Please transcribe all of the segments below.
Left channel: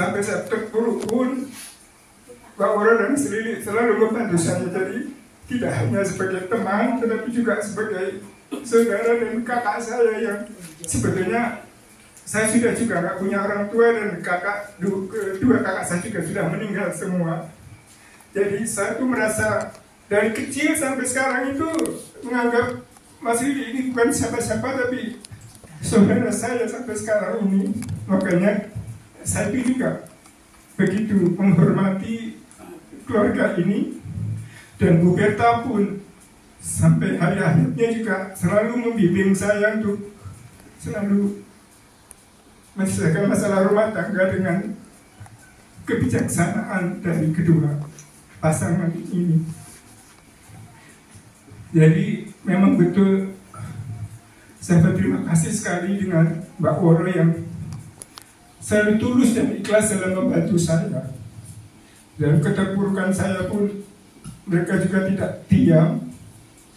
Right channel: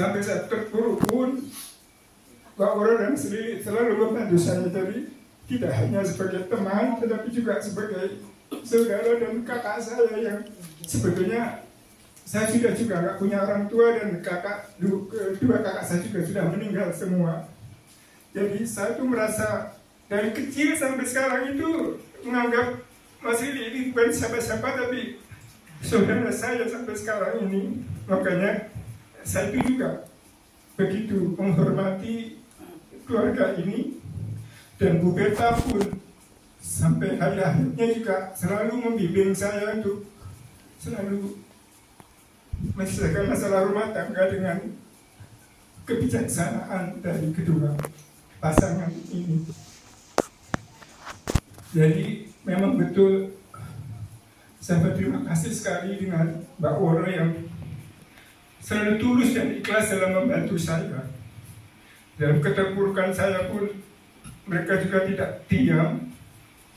sampai saya terpuruk pun Pak Woro dan Sri selalu membantu saya. Jadi tidak hanya sebagai teman, tetapi juga sebagai saudara dan kakak saya yang sebetulnya saya sudah juga nggak punya orang tua, dan dua kakak saya juga sudah meninggal semua. Jadi saya tuh merasa dari kecil sampai sekarang itu menganggap Mas Ridi ini bukan siapa-siapa, tapi saudara saya sampai sekarang ini. Makanya saya tuh juga begitu menghormati keluarga ini. Dan Bu Berta pun sampai hari akhirnya juga selalu membimbing saya untuk selalu menyelesaikan masalah rumah tangga dengan kebijaksanaan dari kedua pasangan ini. Jadi memang betul saya berterima kasih sekali dengan Mbak Woro yang selalu tulus dan ikhlas dalam membantu saya. Dalam keterpurukan saya pun mereka juga tidak diam,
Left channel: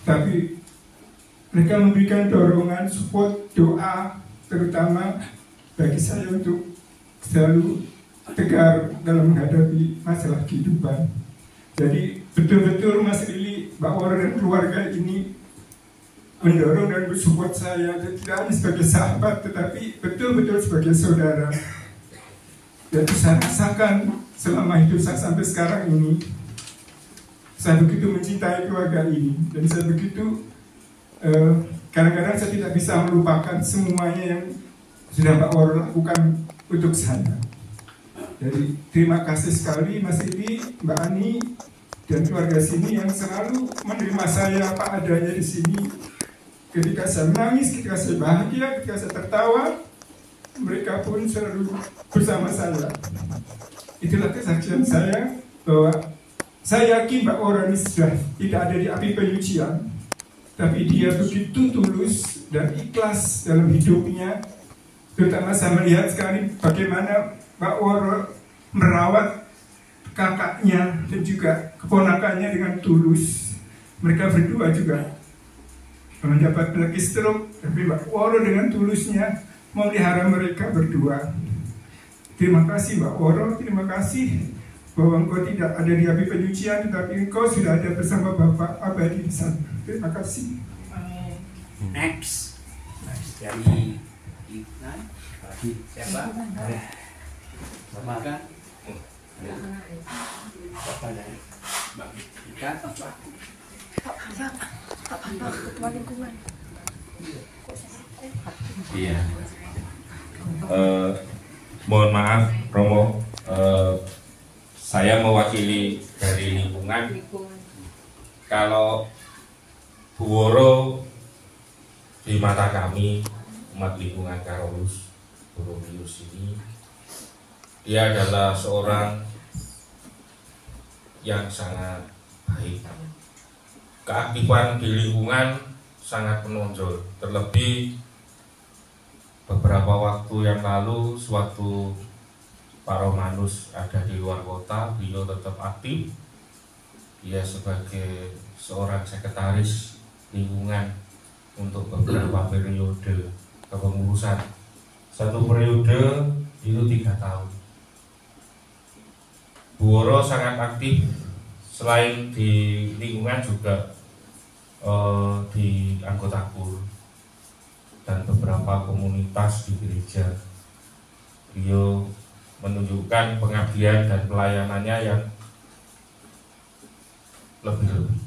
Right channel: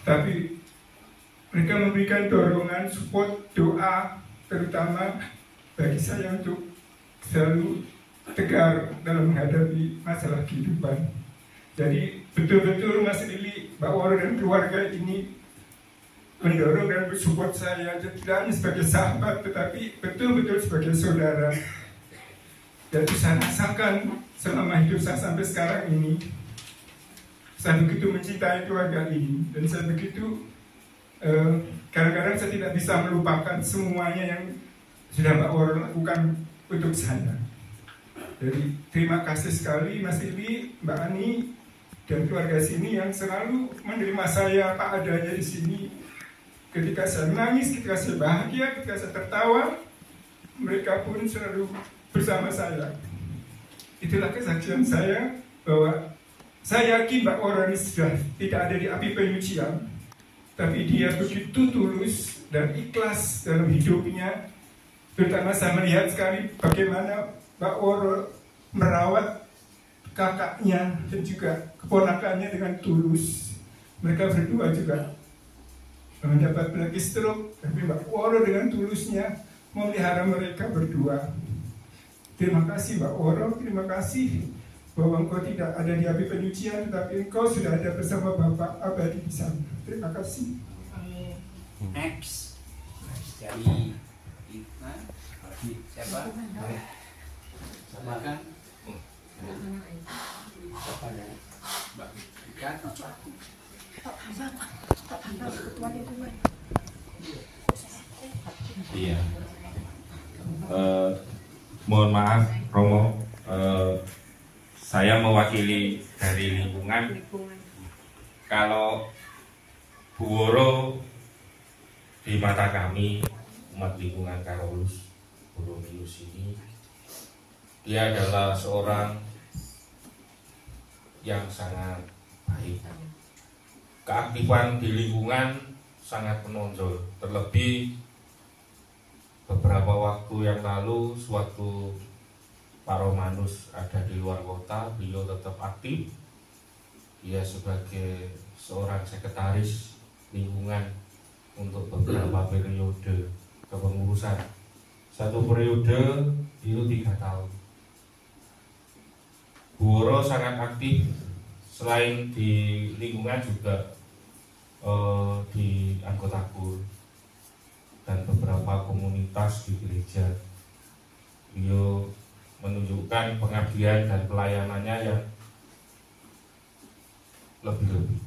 tapi mereka memberikan dorongan, support, doa, terutama bagi saya untuk selalu tegar dalam menghadapi masalah kehidupan. Jadi betul-betul Mas Lili, Mbak Woro dan keluarga ini mendorong dan mensupport saya, tidak hanya sebagai sahabat, tetapi betul-betul sebagai saudara. Dan saya rasakan selama hidup saya sampai sekarang ini, saya begitu mencintai keluarga ini, dan saya begitu kadang-kadang saya tidak bisa melupakan semuanya yang sudah Mbak Woro lakukan untuk saya. Jadi terima kasih sekali Mas Ibi, Mbak Ani, dan keluarga sini yang selalu menerima saya apa adanya di sini. Ketika saya menangis, ketika saya bahagia, ketika saya tertawa, mereka pun selalu bersama saya. Itulah kesaksian saya bahwa saya yakin Mbak Woro ini sudah tidak ada di api penyucian, tapi dia begitu tulus dan ikhlas dalam hidupnya. Terutama saya melihat sekali bagaimana Mbak Woro merawat kakaknya dan juga keponakannya dengan tulus. Mereka berdua juga mendapat penyakit stroke, tapi Mbak Woro dengan tulusnya memelihara mereka berdua. Terima kasih Mbak Woro, terima kasih bahwa engkau tidak ada di api penyucian, tetapi engkau sudah ada bersama Bapak abadi di sana. Terima kasih. Next dari siapa? Maka apa ya? Mbak Ika apa? Ketua lingkungan. Iya. Mohon maaf Romo, saya mewakili dari lingkungan. Kalau Bu Woro di mata kami umat lingkungan Karolus Boromius ini, dia adalah seorang yang sangat baik. Keaktifan di lingkungan sangat menonjol. Terlebih beberapa waktu yang lalu, sewaktu Pak Romanus ada di luar kota, beliau tetap aktif. Dia sebagai seorang sekretaris lingkungan untuk beberapa periode kepengurusan. Satu periode itu 3 tahun. Bu Woro sangat aktif, selain di lingkungan juga di anggota KUR dan beberapa komunitas di gereja. Beliau menunjukkan pengabdian dan pelayanannya yang lebih-lebih.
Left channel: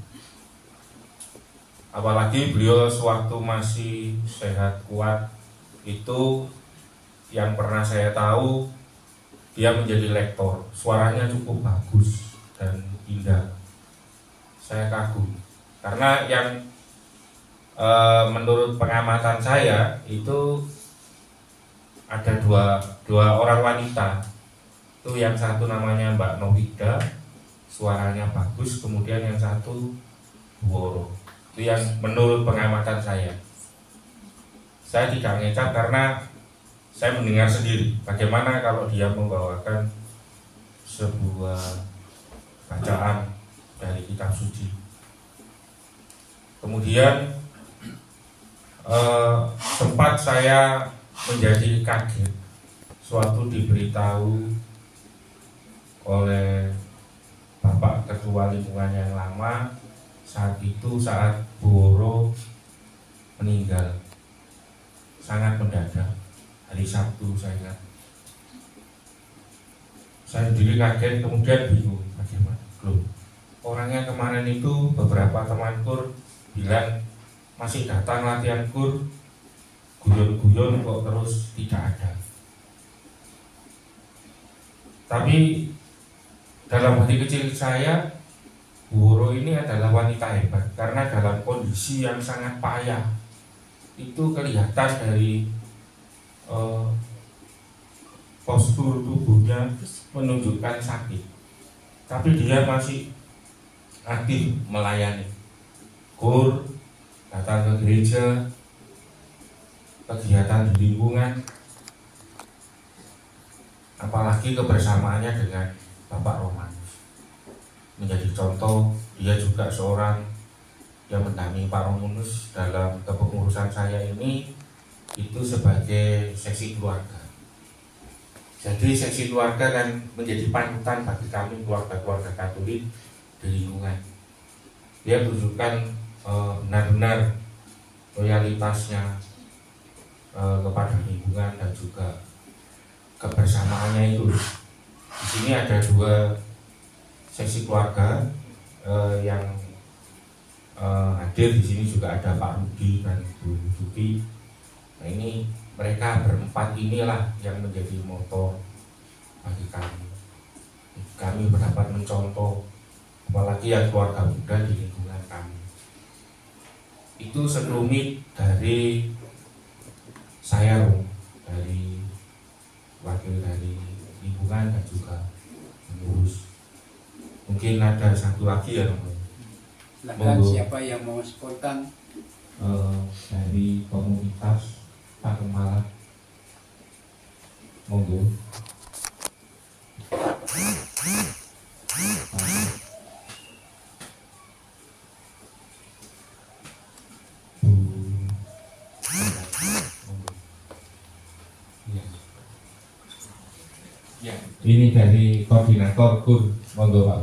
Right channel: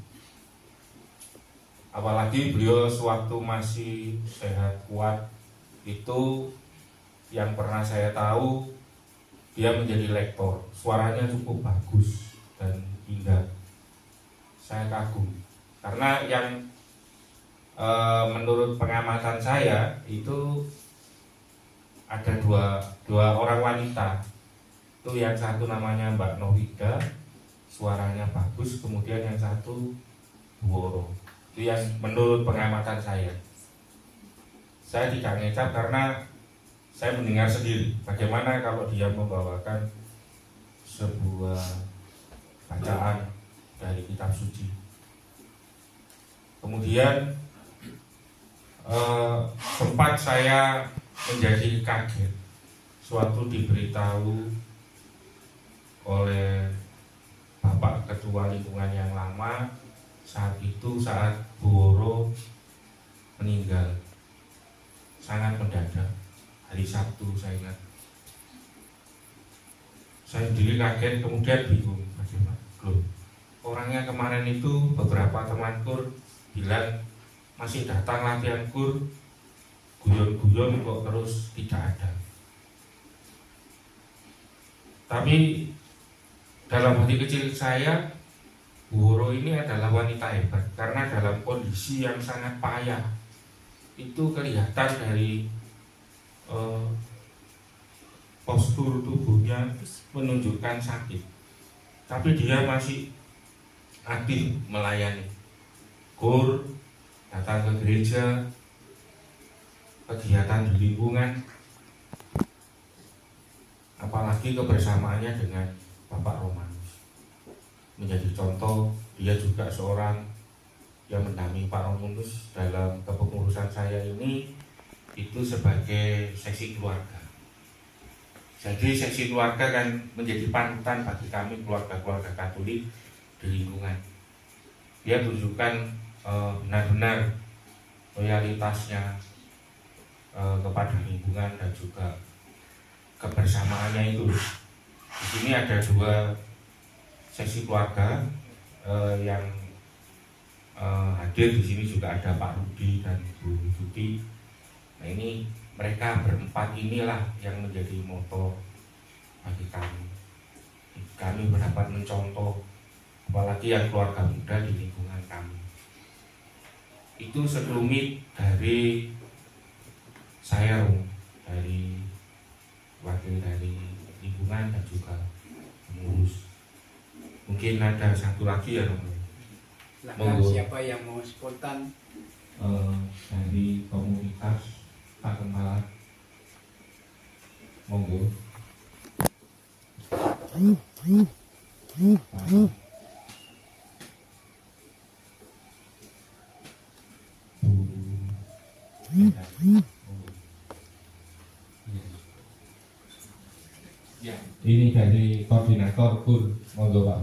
Apalagi beliau sewaktu masih sehat kuat itu, yang pernah saya tahu, dia menjadi lektor. Suaranya cukup bagus dan indah. Saya kagum karena yang menurut pengamatan saya itu ada dua orang wanita. Itu yang satu namanya Mbak Novida, suaranya bagus, kemudian yang satu Bu Woro. Itu yang menurut pengamatan saya. Saya tidak ngecap karena saya mendengar sendiri bagaimana kalau dia membawakan sebuah bacaan dari kitab suci. Kemudian sempat saya menjadi kaget suatu diberitahu oleh Bapak Ketua Lingkungan yang lama saat Bu Woro meninggal. Sangat mendadak, hari Sabtu saya ingat. Saya sendiri kaget, kemudian bingung, bagaimana? Loh, orangnya kemarin itu beberapa teman kur bilang masih datang latihan kur, guyon-guyon kok terus tidak ada. Tapi dalam hati kecil saya, Bu Woro ini adalah wanita hebat karena dalam kondisi yang sangat payah itu kelihatan dari postur tubuhnya menunjukkan sakit, tapi dia masih aktif melayani kur, datang ke gereja, kegiatan di lingkungan, apalagi kebersamaannya dengan Bapak Romanus menjadi contoh. Dia juga seorang yang mendampingi Pak Romanus dalam kepengurusan saya ini itu sebagai seksi keluarga. Jadi seksi keluarga kan menjadi panutan bagi kami keluarga-keluarga Katolik di lingkungan. Dia menunjukkan benar-benar loyalitasnya kepada lingkungan dan juga kebersamaannya itu. Di sini ada 2 seksi keluarga yang hadir di sini, juga ada Pak Rudi dan Bu Tuti. Nah, ini mereka berempat inilah yang menjadi motor bagi kami. Kami berdapat mencontoh, apalagi yang keluarga muda di lingkungan kami. Itu sekelumit dari saya, dari wakil dari lingkungan dan juga pengurus. Mungkin ada satu lagi ya, Silakan, siapa yang mau spontan? Dari komunitas Pak Kemala, monggo. Ya, ini dari koordinator KUR, monggo Pak.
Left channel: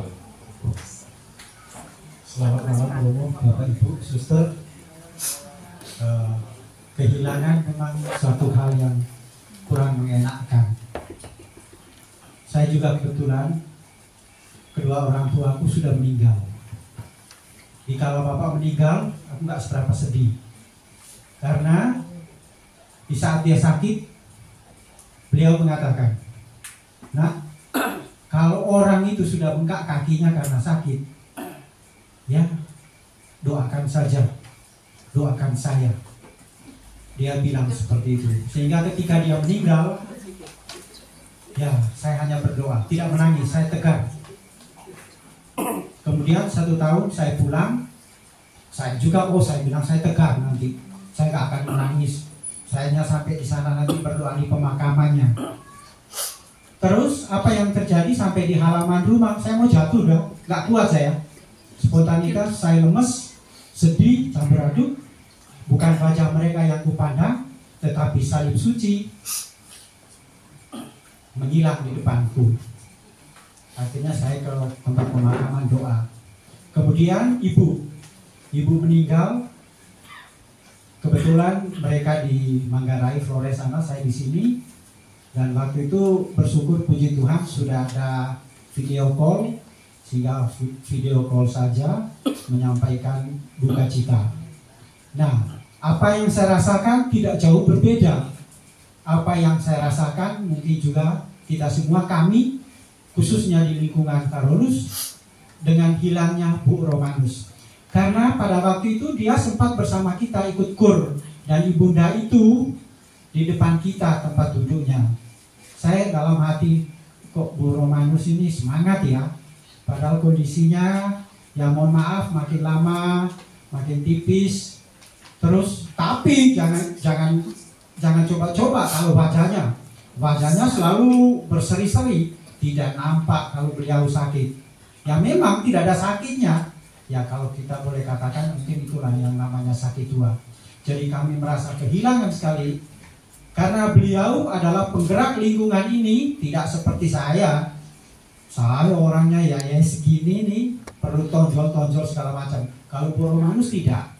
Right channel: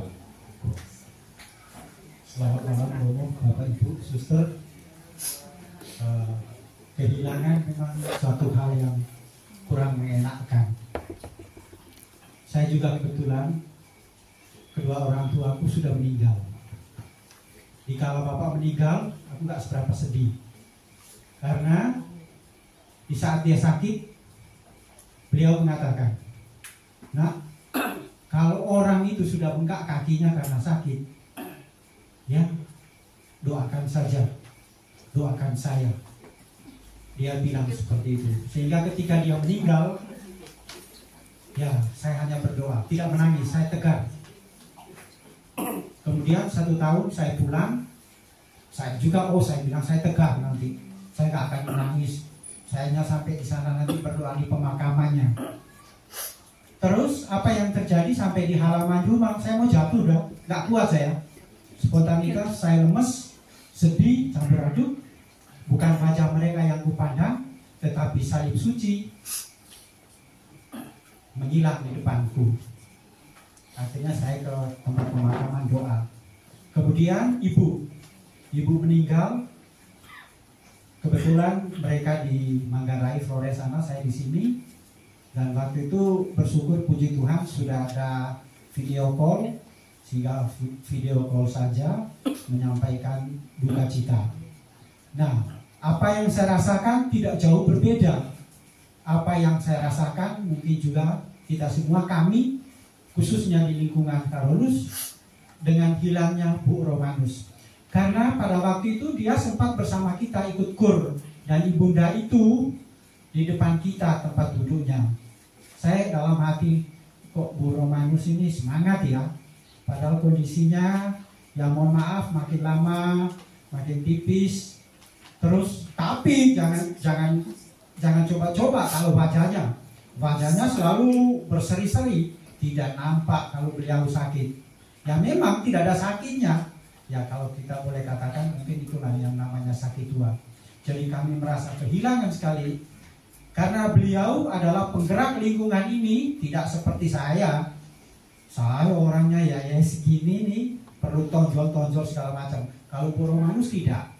Selamat malam Romo, Bapak Ibu, Suster. Kehilangan memang suatu hal yang kurang mengenakan. Saya juga kebetulan kedua orang tuaku sudah meninggal. Kalau Bapak meninggal, aku nggak seberapa sedih. Karena di saat dia sakit, beliau mengatakan, "Nah, kalau orang itu sudah bengkak kakinya karena sakit, ya, doakan saja, doakan saya." Dia bilang seperti itu. Sehingga ketika dia meninggal, ya, saya hanya berdoa, tidak menangis, saya tegar. Kemudian 1 tahun saya pulang, saya juga, saya bilang saya tegar nanti, saya gak akan menangis. Saya hanya sampai di sana nanti berdoa di pemakamannya. Terus apa yang terjadi sampai di halaman rumah, saya mau jatuh dah, gak kuat saya. Spontanitas, saya lemes, sedih, campur aduk. Bukan wajah mereka yang kupandang, tetapi salib suci menghilang di depanku. Akhirnya saya ke tempat pemakaman doa. Kemudian ibu meninggal. Kebetulan mereka di Manggarai, Flores sana, saya di sini. Dan waktu itu bersyukur puji Tuhan sudah ada video call, sehingga video call saja menyampaikan duka cita. Nah, apa yang saya rasakan tidak jauh berbeda. Apa yang saya rasakan mungkin juga kita semua, kami khususnya di lingkungan Carolus, dengan hilangnya Bu Romanus. Karena pada waktu itu dia sempat bersama kita ikut kur, dan ibunda itu di depan kita tempat duduknya. Saya dalam hati, kok Bu Romanus ini semangat ya, padahal kondisinya ya mohon maaf makin lama makin tipis. Terus tapi jangan coba-coba kalau wajahnya selalu berseri-seri, tidak nampak kalau beliau sakit. Ya memang tidak ada sakitnya. Ya kalau kita boleh katakan mungkin itulah yang namanya sakit tua. Jadi kami merasa kehilangan sekali karena beliau adalah penggerak lingkungan ini, tidak seperti saya. Saya orangnya ya segini nih, perlu tonjol-tonjol segala macam. Kalau Romanus tidak.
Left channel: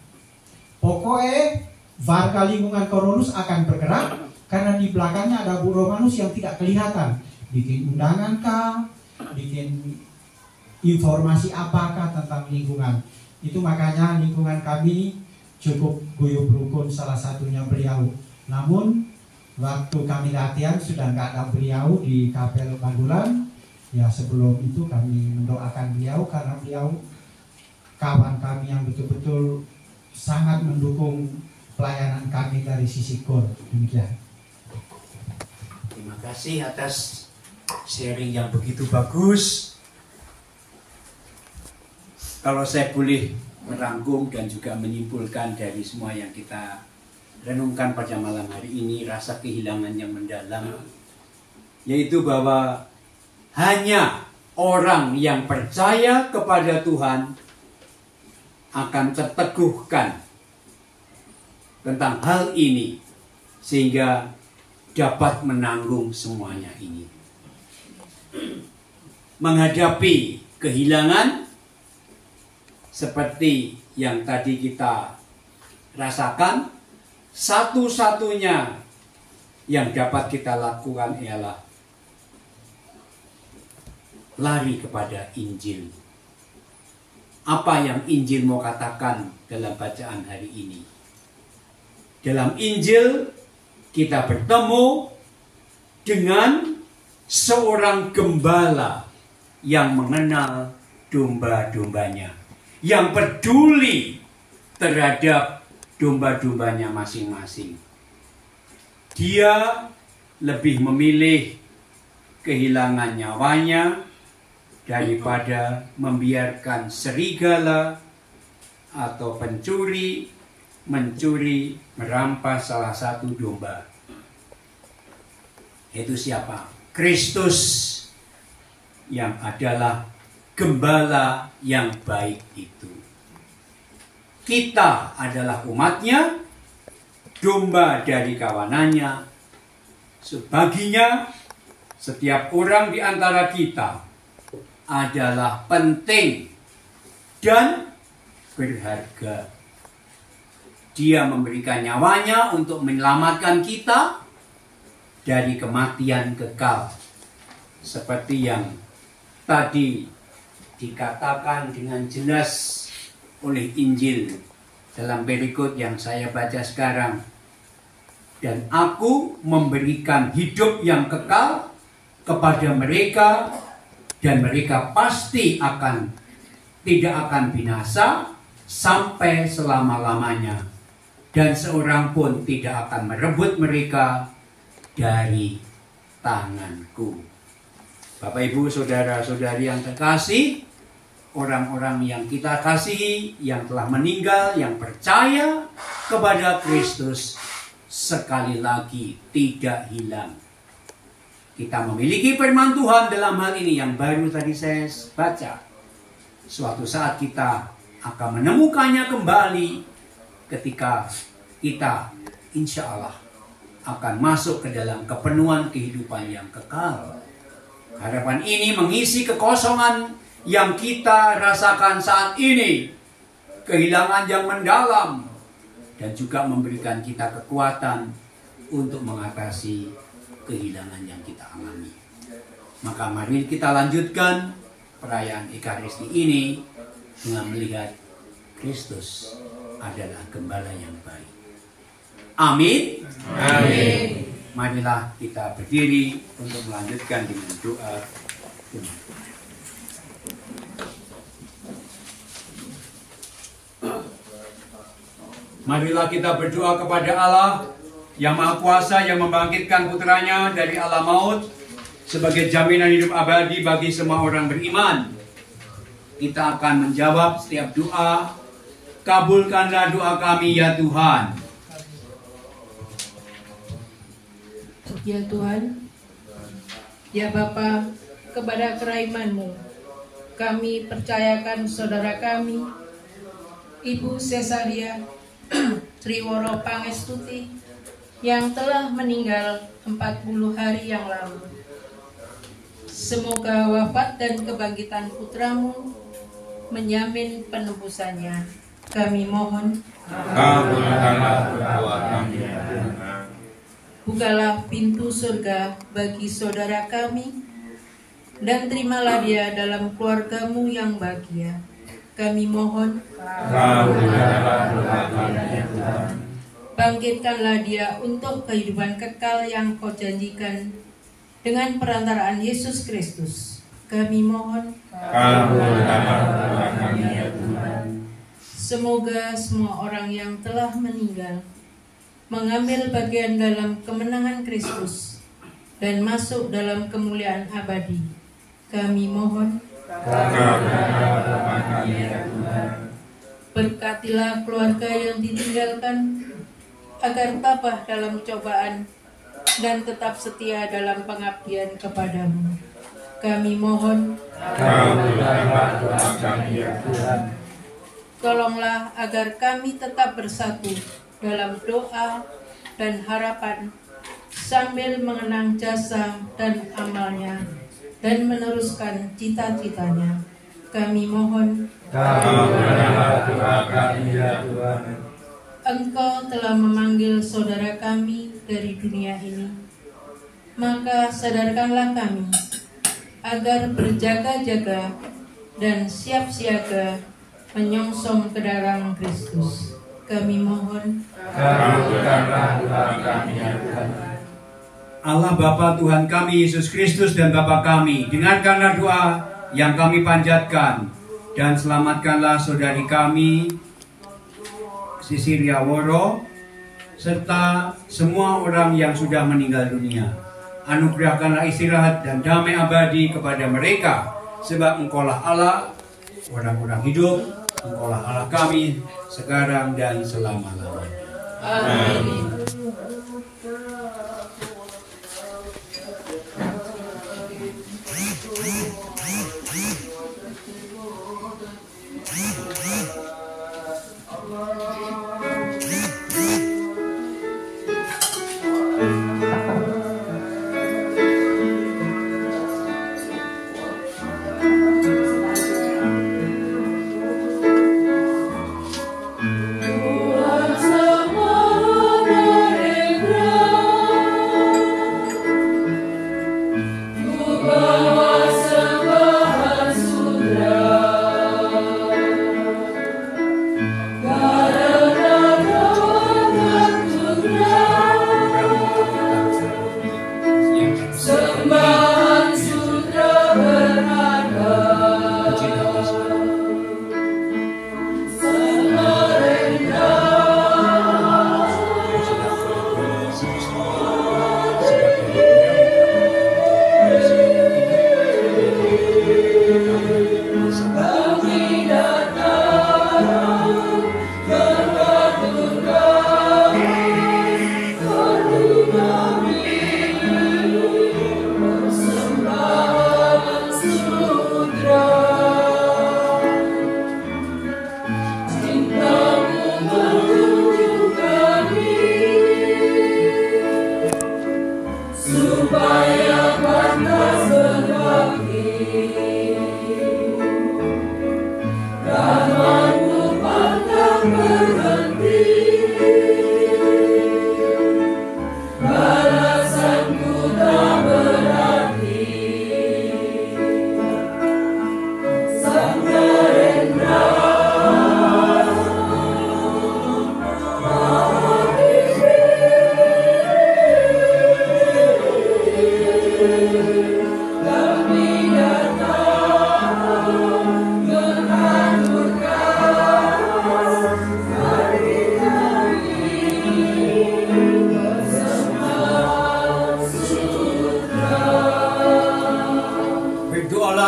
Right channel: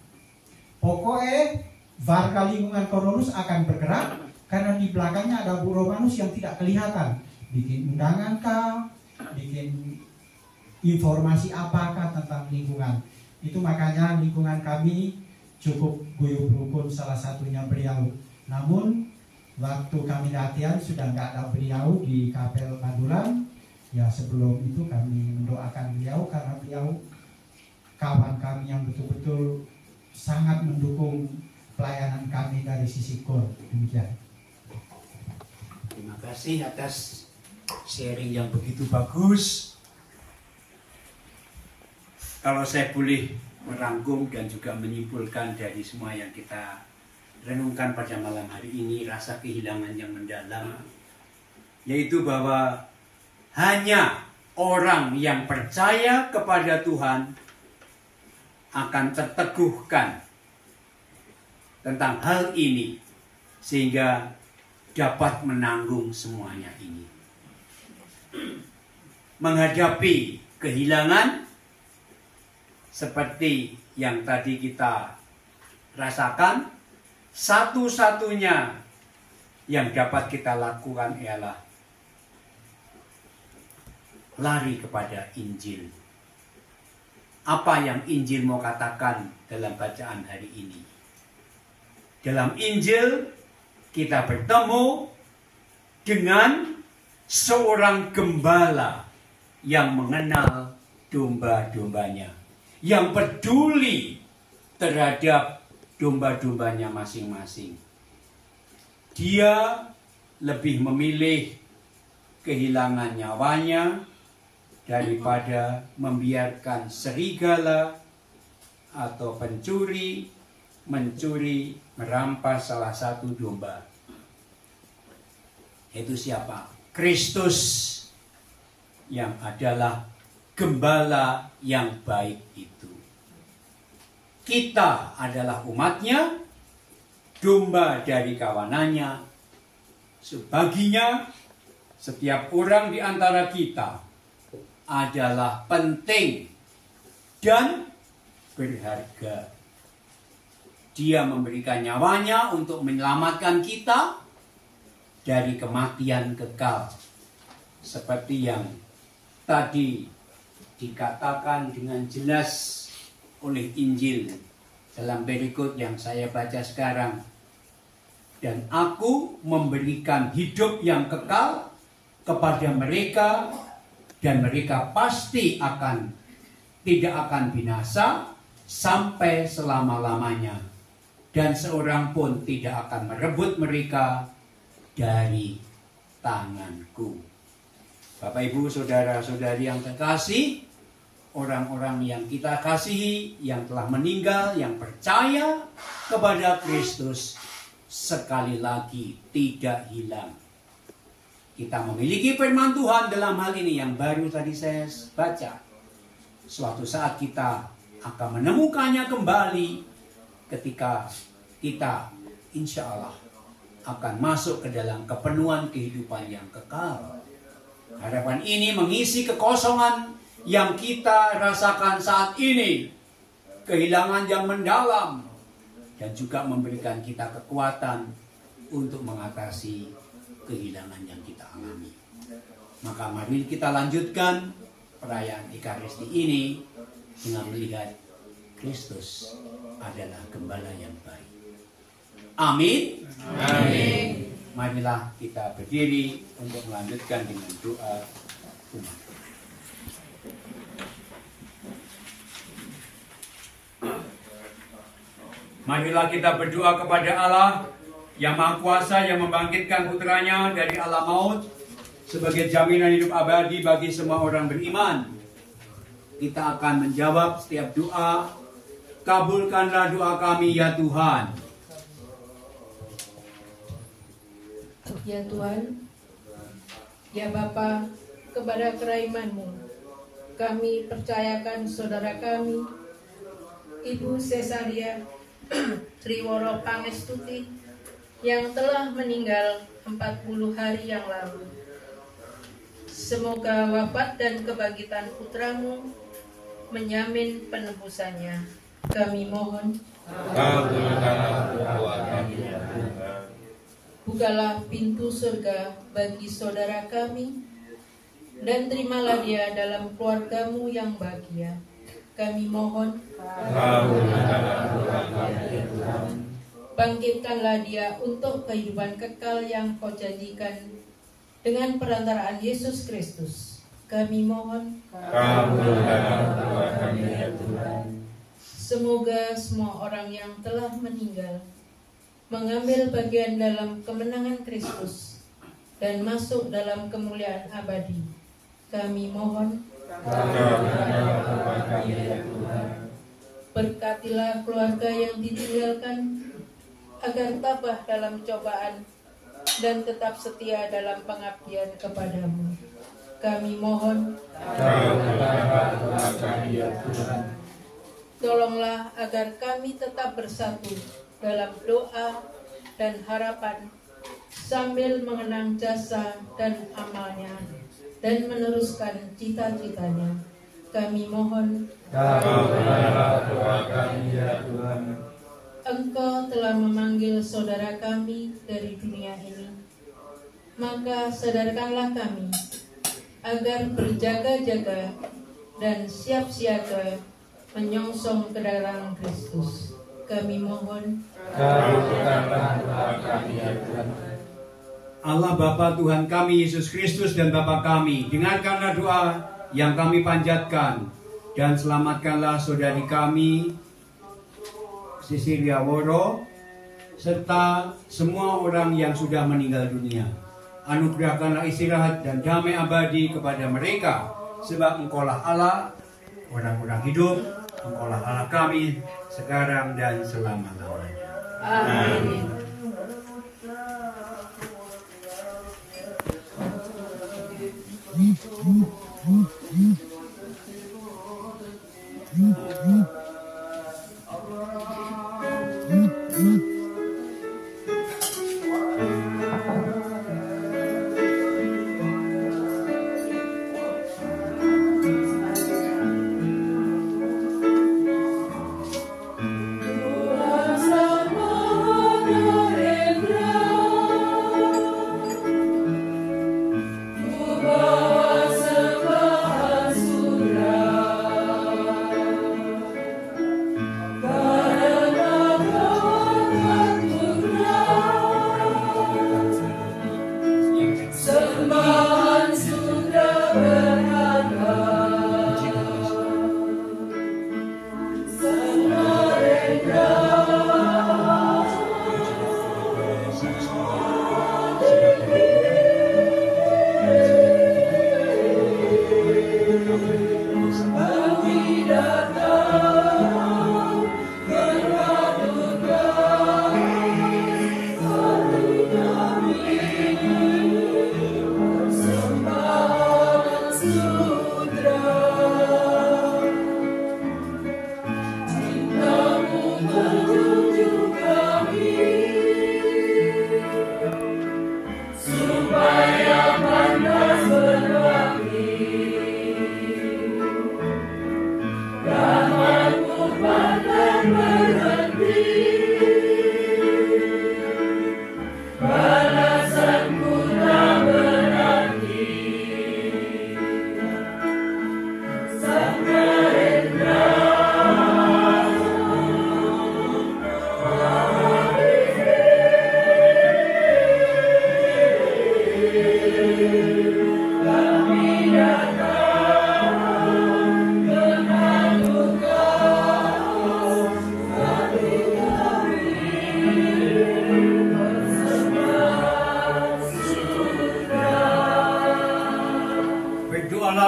Pokoknya warga lingkungan Koronus akan bergerak karena di belakangnya ada Bu Romanus yang tidak kelihatan. Bikin undangan kah, bikin informasi apakah tentang lingkungan. Itu makanya lingkungan kami cukup guyup rukun, salah satunya beliau. Namun waktu kami latihan sudah nggak ada beliau di Kapel Bandulan. Ya sebelum itu kami mendoakan beliau karena beliau kawan kami yang betul-betul sangat mendukung pelayanan kami dari sisi KOR. Demikian. Terima kasih atas sharing yang begitu bagus. Kalau saya boleh merangkum dan juga menyimpulkan dari semua yang kita renungkan pada malam hari ini, rasa kehilangan yang mendalam, yaitu bahwa hanya orang yang percaya kepada Tuhan akan terteguhkan tentang hal ini sehingga dapat menanggung semuanya ini. Menghadapi kehilangan seperti yang tadi kita rasakan, satu-satunya yang dapat kita lakukan ialah lari kepada Injil. Apa yang Injil mau katakan dalam bacaan hari ini? Dalam Injil kita bertemu dengan seorang gembala yang mengenal domba-dombanya, yang peduli terhadap domba-dombanya masing-masing. Dia lebih memilih kehilangan nyawanya daripada membiarkan serigala atau pencuri mencuri, merampas salah satu domba. Itu siapa? Kristus, yang adalah gembala yang baik itu. Kita adalah umatnya, domba dari kawanannya. Sebaginya, setiap orang di antara kita adalah penting dan berharga. Dia memberikan nyawanya untuk menyelamatkan kita dari kematian kekal. Seperti yang tadi dikatakan dengan jelas oleh Injil dalam berikut yang saya baca sekarang. Dan aku memberikan hidup yang kekal kepada mereka, dan mereka pasti tidak akan binasa sampai selama-lamanya, dan seorang pun tidak akan merebut mereka dari tanganku. Bapak, Ibu, saudara-saudari yang terkasih, orang-orang yang kita kasihi, yang telah meninggal, yang percaya kepada Kristus, sekali lagi tidak hilang. Kita memiliki firman Tuhan dalam hal ini yang baru tadi saya baca. Suatu saat kita akan menemukannya kembali ketika kita insya Allah akan masuk ke dalam kepenuhan kehidupan yang kekal. Harapan ini mengisi kekosongan yang kita rasakan saat ini, kehilangan yang mendalam, dan juga memberikan kita kekuatan untuk mengatasi kehilangan yang kita alami. Maka mari kita lanjutkan perayaan Ekaristi ini dengan melihat Kristus adalah gembala yang baik. Amin. Amin. Marilah kita berdiri untuk melanjutkan dengan doa umat. Marilah kita berdoa kepada Allah yang Maha Kuasa, yang membangkitkan putranya dari alam maut sebagai jaminan hidup abadi bagi semua orang beriman. Kita akan menjawab setiap doa. Kabulkanlah doa kami ya Tuhan. Ya Tuhan, ya Bapa, kepada keraiman-Mu kami percayakan saudara kami, Ibu Cesaria Triworo Pangestuti, yang telah meninggal 40 hari yang lalu. Semoga wafat dan kebangkitan putramu menjamin penebusannya. Kami mohon, bukalah pintu surga bagi saudara kami, dan terimalah dia dalam keluargamu yang bahagia. Kami mohon, bangkitkanlah dia untuk kehidupan kekal yang kau janjikan dengan perantaraan Yesus Kristus. Kami mohon, semoga semua orang yang telah meninggal mengambil bagian dalam kemenangan Kristus dan masuk dalam kemuliaan abadi. Kami mohon, berkatilah keluarga yang ditinggalkan agar tabah dalam cobaan dan tetap setia dalam pengabdian kepadamu. Kami mohon, tolonglah agar kami tetap bersatu dalam doa dan harapan sambil mengenang jasa dan amalnya dan meneruskan cita-citanya. Kami mohon, Engkau telah memanggil saudara kami dari dunia ini, maka sadarkanlah kami agar berjaga-jaga dan siap siaga menyongsong ke dalam Kristus. Kami mohon, Allah Bapa Tuhan kami Yesus Kristus dan Bapa kami, dengarkanlah doa yang kami panjatkan dan selamatkanlah saudari kami Sisilia Woro serta semua orang yang sudah meninggal dunia. Anugerahkanlah istirahat dan damai abadi kepada mereka, sebab Engkaulah Allah orang-orang hidup, Engkaulah Allah kami sekarang dan selama-lamanya. amin.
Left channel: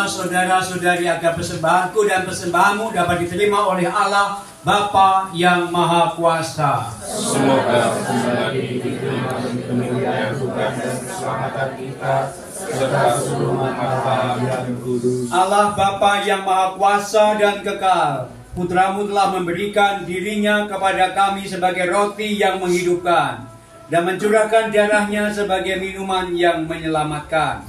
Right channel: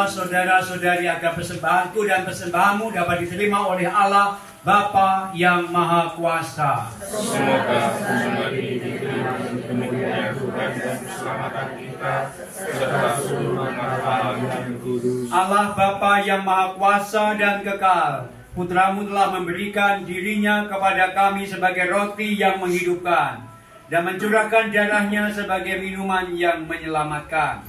Saudara-saudari, agar persembahanku dan persembahanmu dapat diterima oleh Allah Bapa yang Maha Kuasa. Semoga persembahan ini diterima untuk kemuliaan Tuhan dan keselamatan kita serta seluruh umat dan kudus. Allah Bapa yang Maha Kuasa dan kekal, Putramu telah memberikan dirinya kepada kami sebagai roti yang menghidupkan dan mencurahkan darahnya sebagai minuman yang menyelamatkan.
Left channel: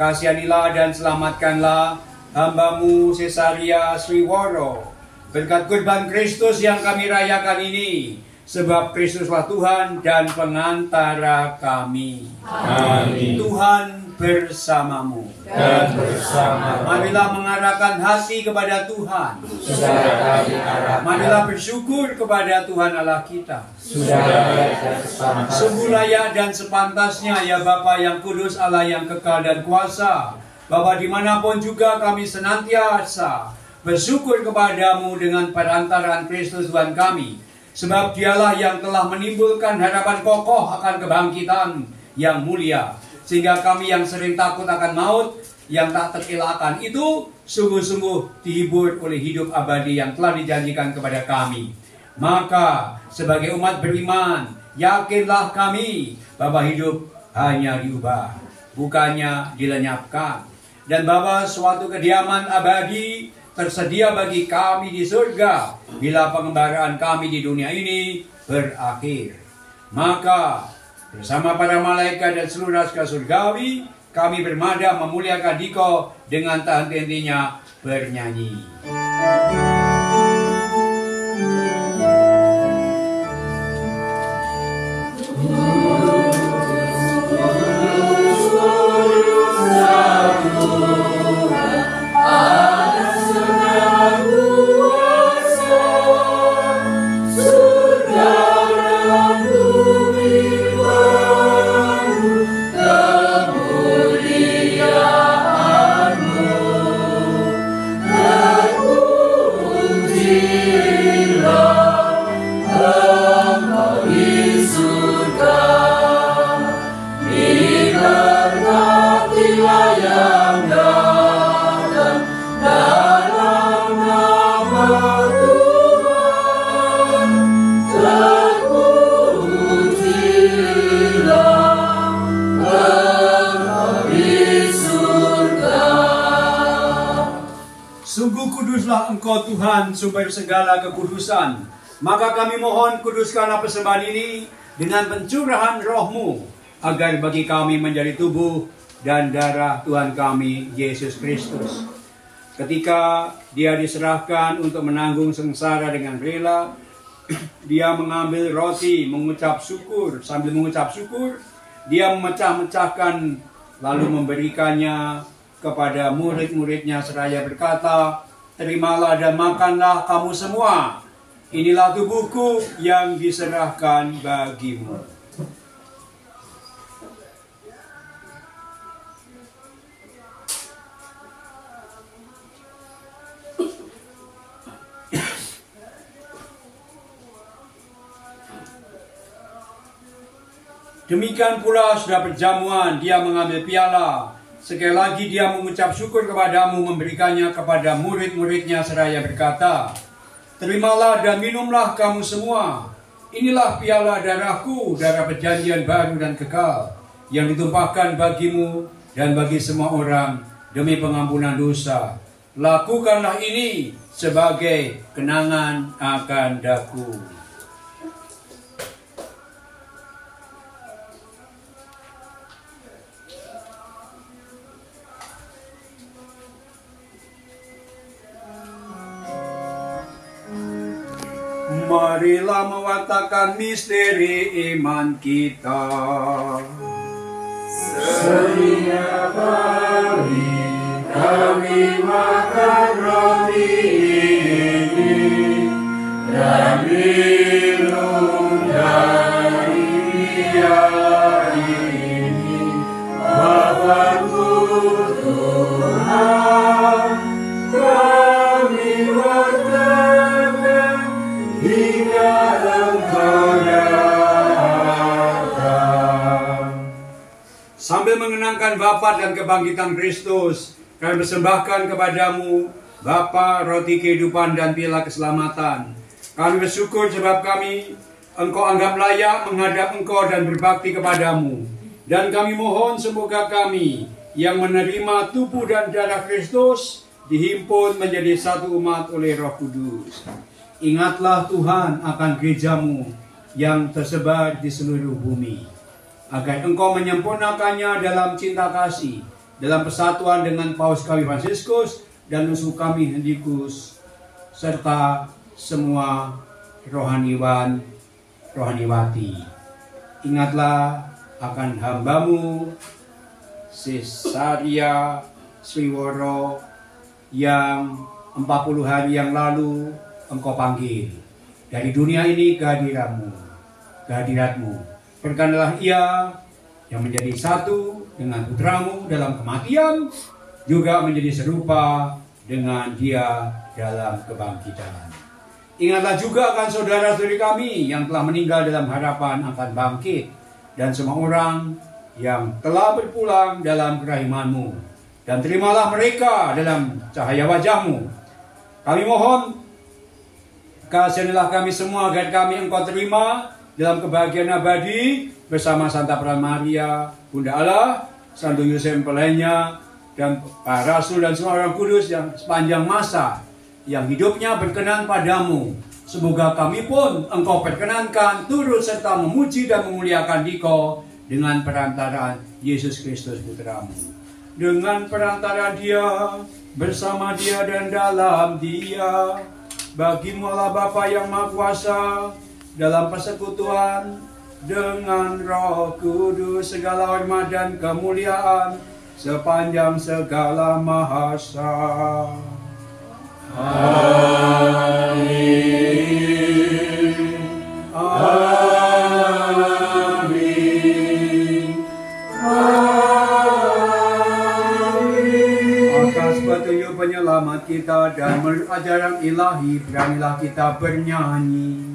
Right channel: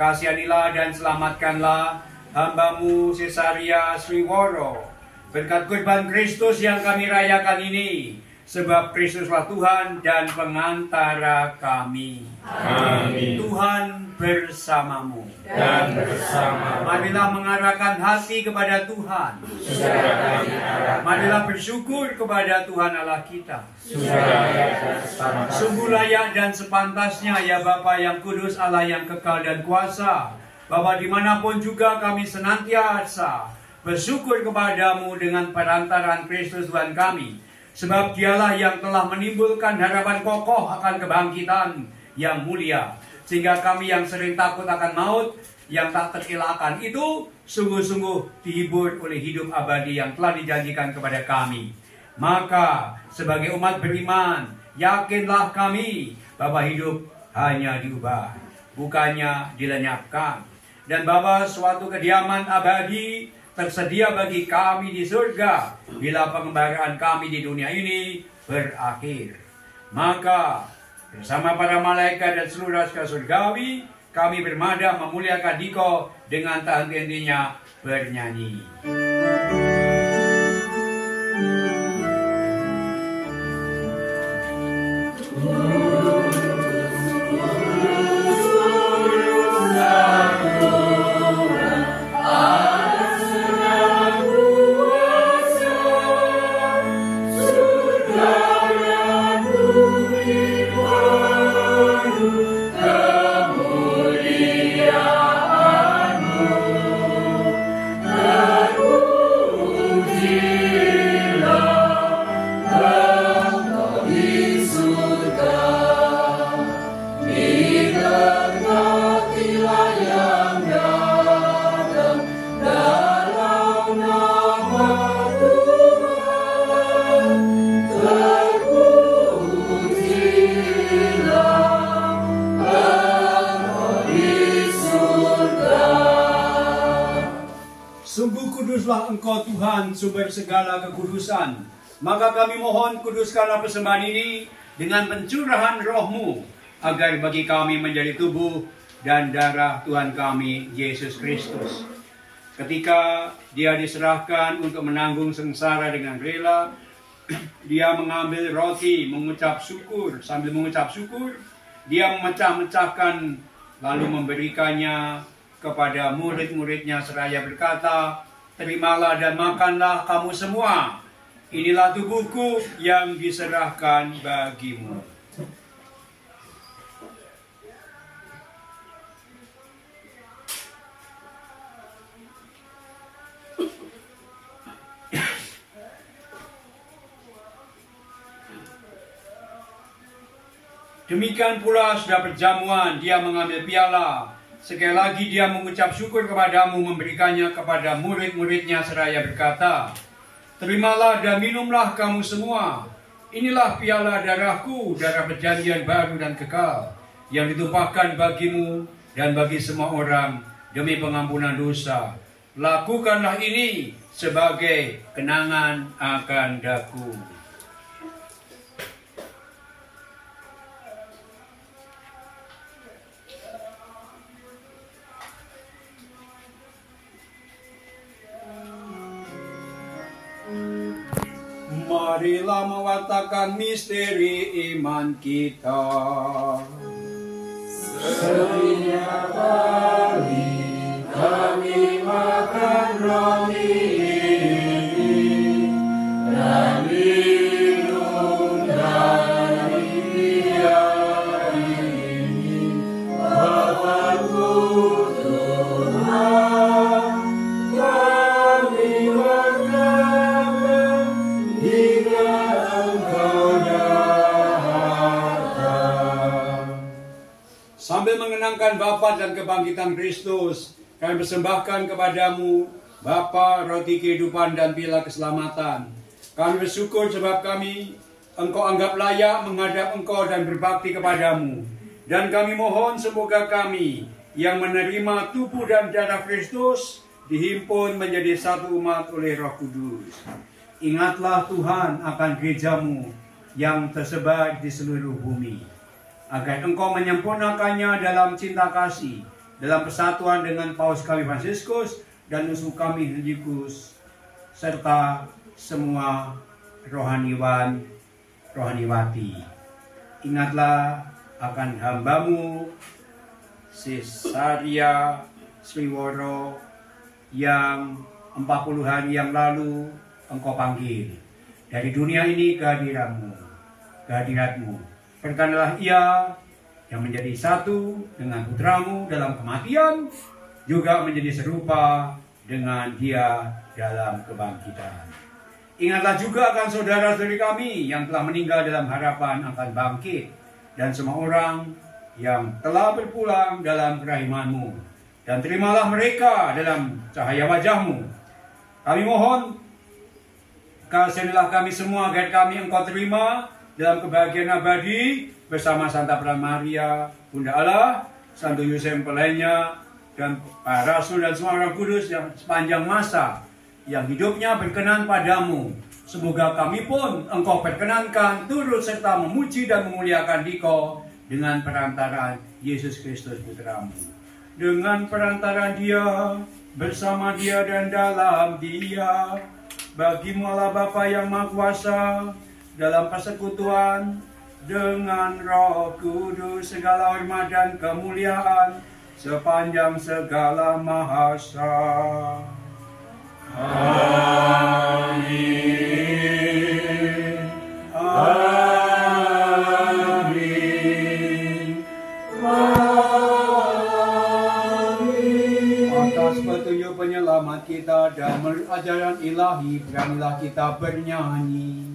Kasihanilah dan selamatkanlah hamba-Mu Cesaria Sriworo. Berkat kurban Kristus yang kami rayakan ini, sebab Kristuslah Tuhan dan pengantara kami. Amin. Tuhan bersamamu. Dan bersama Marilah mengarahkan hati kepada Tuhan. sudah kami arahkan, Marilah bersyukur kepada Tuhan Allah kita. sudah dan bersama Sungguh layak dan sepantasnya ya Bapa yang kudus, Allah yang kekal dan kuasa, bahwa dimanapun juga kami senantiasa bersyukur kepadamu dengan perantaraan Kristus Tuhan kami. Sebab dialah yang telah menimbulkan harapan kokoh akan kebangkitan yang mulia. Sehingga kami yang sering takut akan maut, yang tak terelakkan itu, sungguh-sungguh dihibur oleh hidup abadi yang telah dijanjikan kepada kami. Maka sebagai umat beriman, yakinlah kami bahwa hidup hanya diubah, bukannya dilenyapkan. Dan bahwa suatu kediaman abadi tersedia bagi kami di surga bila pengembaraan kami di dunia ini berakhir. Maka bersama para malaikat dan seluruh rakyat surgawi, kami bermada memuliakan Diko dengan tak henti-hentinya bernyanyi. Engkau Tuhan sumber segala kekudusan, maka kami mohon kuduskanlah persembahan ini dengan pencurahan roh-Mu, agar bagi kami menjadi tubuh dan darah Tuhan kami Yesus Kristus. Ketika Dia diserahkan untuk menanggung sengsara dengan rela, Dia mengambil roti, mengucap syukur. Sambil mengucap syukur, Dia memecah-mecahkan lalu memberikannya kepada murid-muridnya seraya berkata, "Terimalah dan makanlah kamu semua. Inilah tubuhku yang diserahkan bagimu." Demikian pula sudah perjamuan, Dia mengambil piala. Sekali lagi Dia mengucap syukur kepadamu, memberikannya kepada murid-muridnya seraya berkata, "Terimalah dan minumlah kamu semua. Inilah piala darahku, darah perjanjian baru dan kekal, yang ditumpahkan bagimu dan bagi semua orang demi pengampunan dosa. Lakukanlah ini sebagai kenangan akan daku." Marilah mewartakan misteri iman kita. Setiap kali kami makan roti ini dan minum dari piala ini, Bapa-Ku Tuhan, kami wartakan hingga Engkau datang. Sambil mengenangkan wafat dan kebangkitan Kristus, kami persembahkan kepadamu Bapa, roti kehidupan dan piala keselamatan. Kami bersyukur sebab Engkau anggap layak menghadap Engkau dan berbakti kepadamu. Dan kami mohon semoga kami yang menerima tubuh dan darah Kristus dihimpun menjadi satu umat oleh Roh Kudus. Ingatlah Tuhan akan gerejamu yang tersebar di seluruh bumi, agar Engkau menyempurnakannya dalam cinta kasih, dalam persatuan dengan Paus kami Fransiskus dan musuh kami Henrikus, serta semua rohaniwan, rohaniwati. Ingatlah akan hambamu Cesaria Sriworo yang 40 hari yang lalu engkau panggil dari dunia ini kehadiratmu. Berkenalah ia yang menjadi satu dengan putramu dalam kematian, juga menjadi serupa dengan dia dalam kebangkitan. Ingatlah juga akan saudara-saudari kami yang telah meninggal dalam harapan akan bangkit, dan semua orang yang telah berpulang dalam kerahimanmu, dan terimalah mereka dalam cahaya wajahmu. Kami mohon, kasihanilah kami semua agar kami engkau terima dalam kebahagiaan abadi bersama Santa Pramaria, Bunda Allah, Santo Yosef lainnya, dan para rasul dan semua orang kudus yang sepanjang masa yang hidupnya berkenan padamu. Semoga kami pun engkau perkenankan turut serta memuji dan memuliakan Dikau dengan perantaraan Yesus Kristus Putramu. Dengan perantaraan Dia, bersama Dia dan dalam Dia, bagimu Allah Bapa yang Maha Kuasa, dalam persekutuan dengan Roh Kudus, segala hormat dan kemuliaan sepanjang segala masa. Amin. Amin. Amin. Atas petunjuk penyelamat kita dan menurut ajaran ilahi, beranilah kita bernyanyi.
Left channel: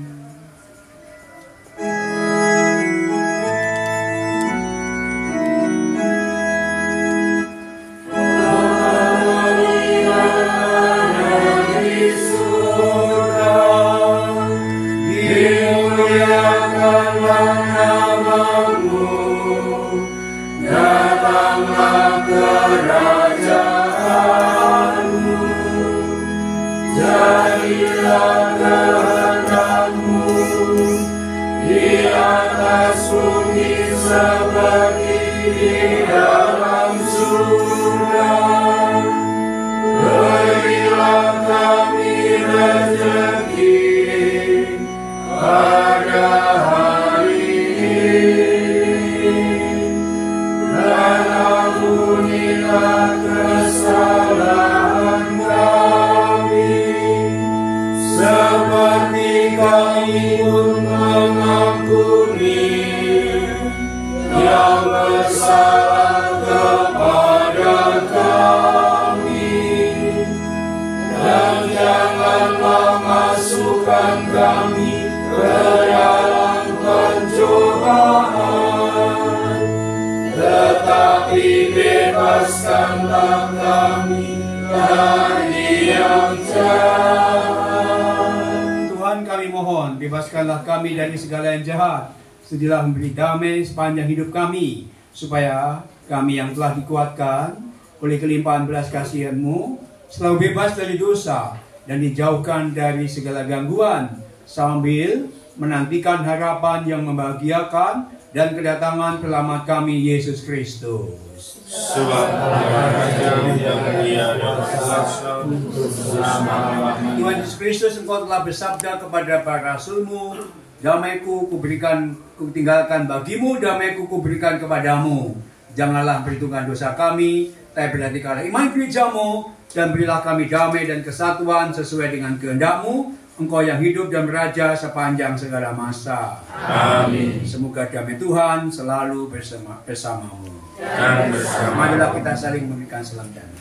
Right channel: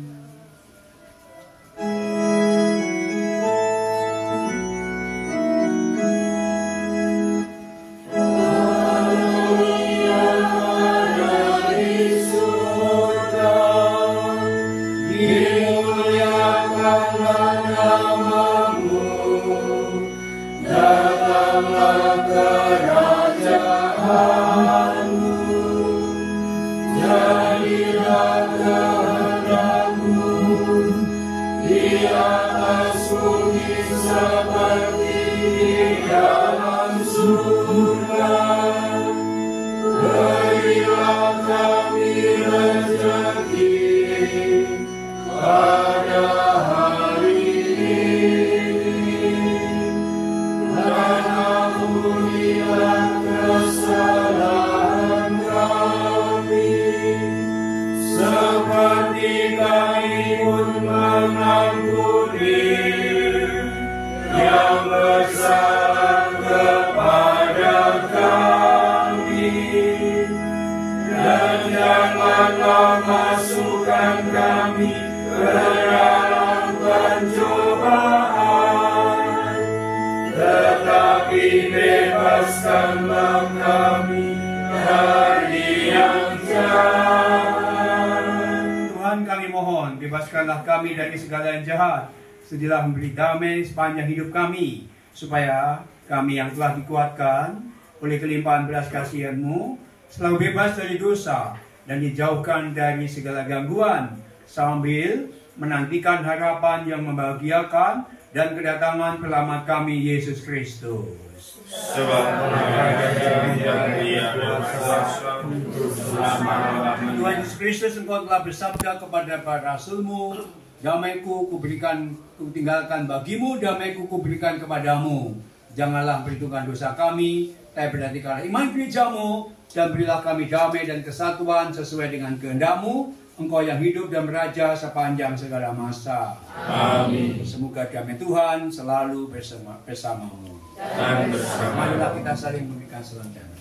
Bebaskanlah kami dari segala yang jahat. Sedialah memberi damai sepanjang hidup kami, supaya kami yang telah dikuatkan oleh kelimpahan belas kasihan-Mu selalu bebas dari dosa dan dijauhkan dari segala gangguan, sambil menantikan harapan yang membahagiakan dan kedatangan Penyelamat kami, Yesus Kristus. Sebab Tuhan Yesus Kristus, Engkau telah bersabda kepada para rasul-Mu, damai-Ku kuberikan, kutinggalkan bagimu, damai-Ku kuberikan kepadamu. Janganlah perhitungkan dosa kami, tapi perhatikanlah iman gereja-Mu, dan berilah kami damai dan kesatuan sesuai dengan kehendak-Mu, Engkau yang hidup dan beraja sepanjang segala masa. Amin. Semoga damai Tuhan selalu bersamamu. Dan bersama. Marilah kita saling memberikan salam damai.